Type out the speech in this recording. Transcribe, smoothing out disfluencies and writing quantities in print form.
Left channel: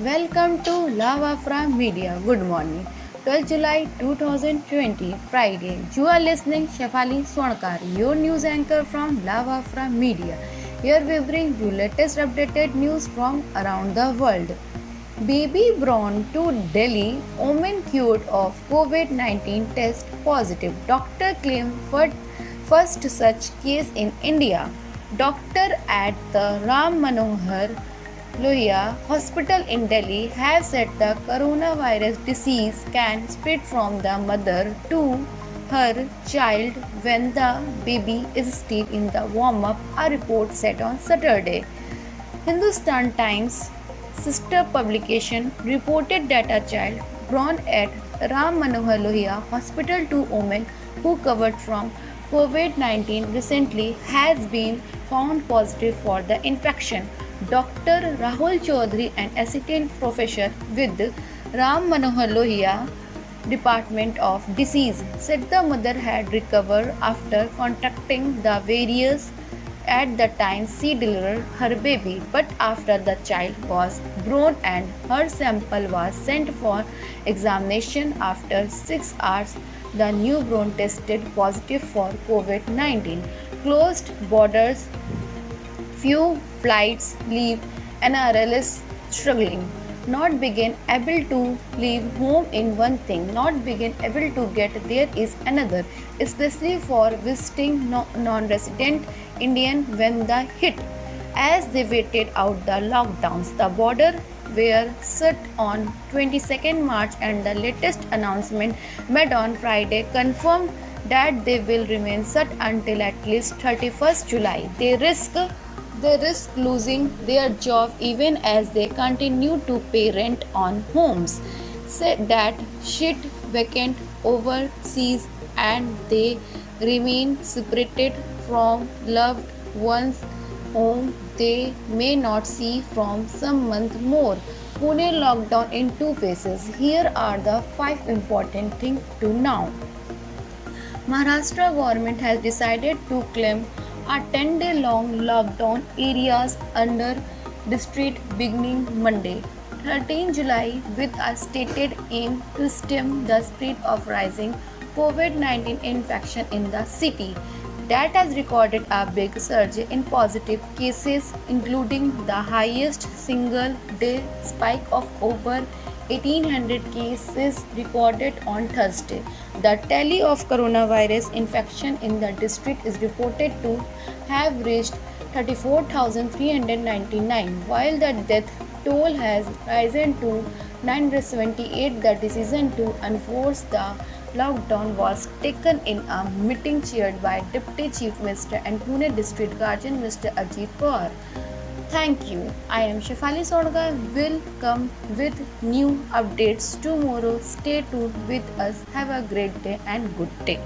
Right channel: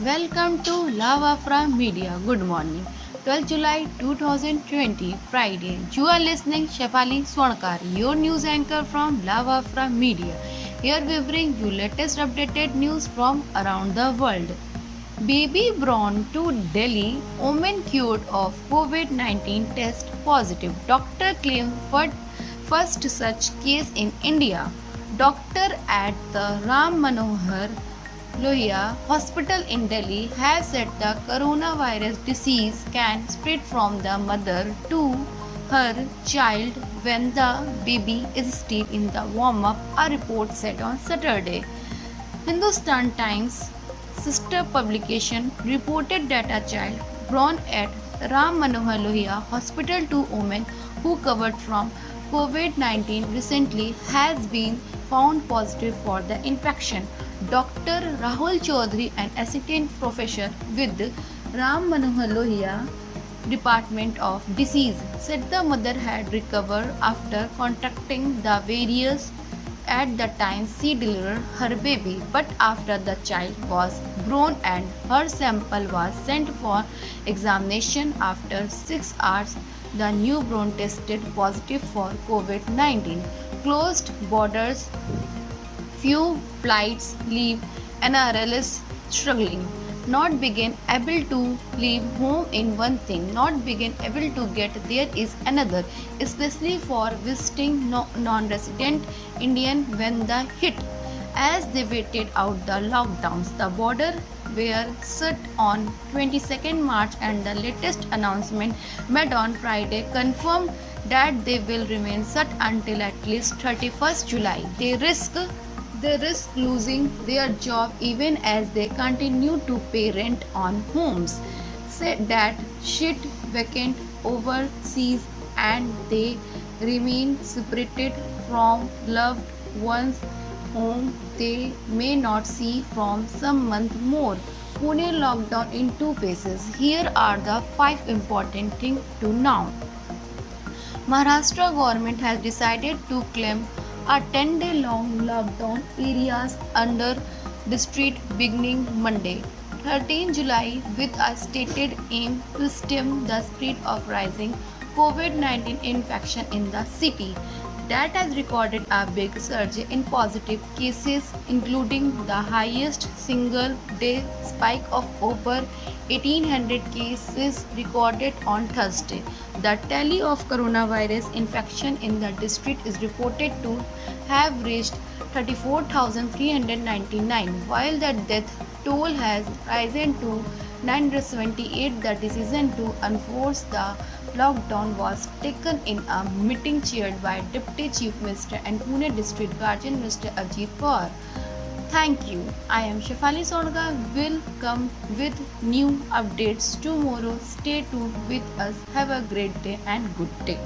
Welcome to Lava from Media. Good morning. 12 July 2020, Friday. You are listening Shefali Swarnkar, your news anchor from Lava from Media. Here we bring you latest updated news from around the world. Baby born to Delhi, woman cured of COVID-19 test positive. Doctor claimed first such case in India. Doctor at the Ram Manohar Lohia Hospital in Delhi has said the coronavirus disease can spread from the mother to her child when the baby is still in the warm up, a report said on Saturday. Hindustan Times sister publication reported that a child born at Ram Manohar Lohia Hospital to women who recovered from COVID-19 recently has been found positive for the infection. Dr. Rahul Chaudhary, an assistant professor with Ram Manohar Lohia Department of Disease, said the mother had recovered after contacting the various at the time she delivered her baby, but after the child was born and her sample was sent for examination after 6 hours, the newborn tested positive for COVID 19. Closed borders, few flights leave, NRL struggling. Not begin able to leave home in one thing, not begin able to get there is another, especially for visiting non-resident Indian when the hit. As they waited out the lockdowns, the border were shut on 22nd March and the latest announcement made on Friday confirmed that they will remain shut until at least 31st July. They risk losing their job even as they continue to pay rent on homes. Said that sit vacant overseas and they remain separated from loved ones whom they may not see from some month more. Pune lockdown in two phases. Here are the 5 important things to know. Maharashtra government has decided to claim a 10-day long lockdown areas under district beginning Monday, 13 July, with a stated aim to stem the spread of rising COVID-19 infection in the city. That has recorded a big surge in positive cases, including the highest single day spike of over 1800 cases recorded on Thursday. The tally of coronavirus infection in the district is reported to have reached 34,399, while the death toll has risen to 978. The decision to enforce the lockdown was taken in a meeting chaired by Deputy Chief Minister and Pune District Guardian Mr. Ajit Pawar. Thank you. I am Shefali Swarnkar. Will come with new updates tomorrow. Stay tuned with us. Have a great day and good day.